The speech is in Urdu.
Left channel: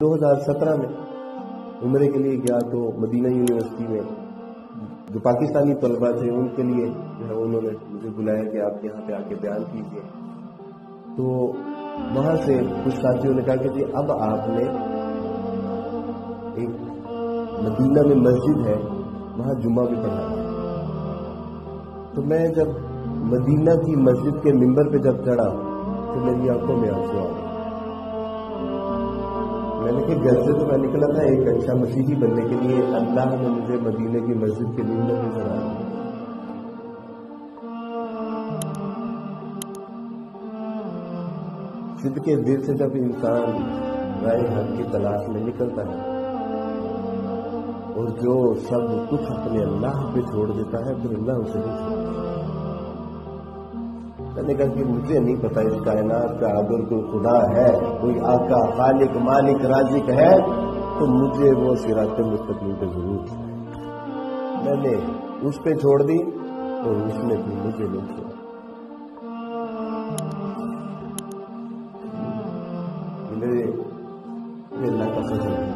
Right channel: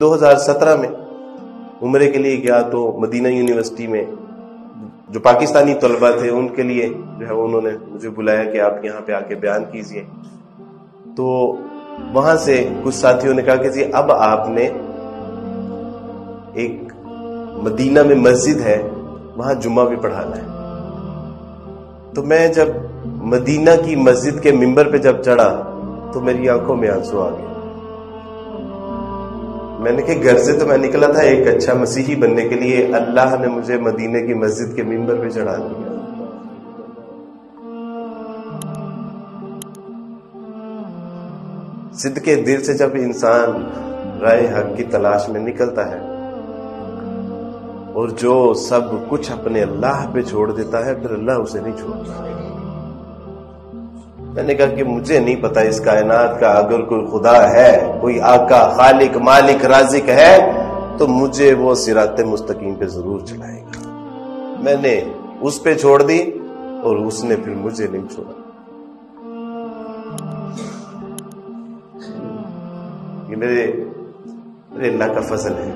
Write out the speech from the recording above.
2017 میں عمرے کے لیے گیا تو مدینہ یونیورسٹی میں جو پاکستانی طلباء تھے ان کے لیے جو ہے انہوں نے مجھے بلایا کہ آپ یہاں پہ آ کے بیان کیجئے. تو وہاں سے کچھ ساتھیوں نے کہا کہ جی اب آپ نے ایک مدینہ میں مسجد ہے وہاں جمعہ بھی پڑھانا ہے. تو میں جب مدینہ کی مسجد کے ممبر پہ جب چڑھا تو میری آنکھوں میں آنسو آ گئے. میں نے کہا گھر سے تو میں نکلا تھا ایک اچھا مسیحی بننے کے لیے، اللہ نے مجھے مدینہ کی مسجد کے ممبر پہ چڑھا دیا. صدقے دل سے جب انسان رائے حق کی تلاش میں نکلتا ہے اور جو سب کچھ اپنے اللہ پہ چھوڑ دیتا ہے پھر اللہ اسے نہیں چھوڑتا. میں نے کہا کہ مجھے نہیں پتا اس کائنات کا اگر کوئی خدا ہے، کوئی آقا، خالق، مالک، رازق ہے تو مجھے وہ صراط مستقیم پہ ضرور چلائے گا. میں نے اس پہ چھوڑ دی اور اس نے پھر مجھے نہیں چھوڑا. یہ میرے اللہ کا فضل ہے.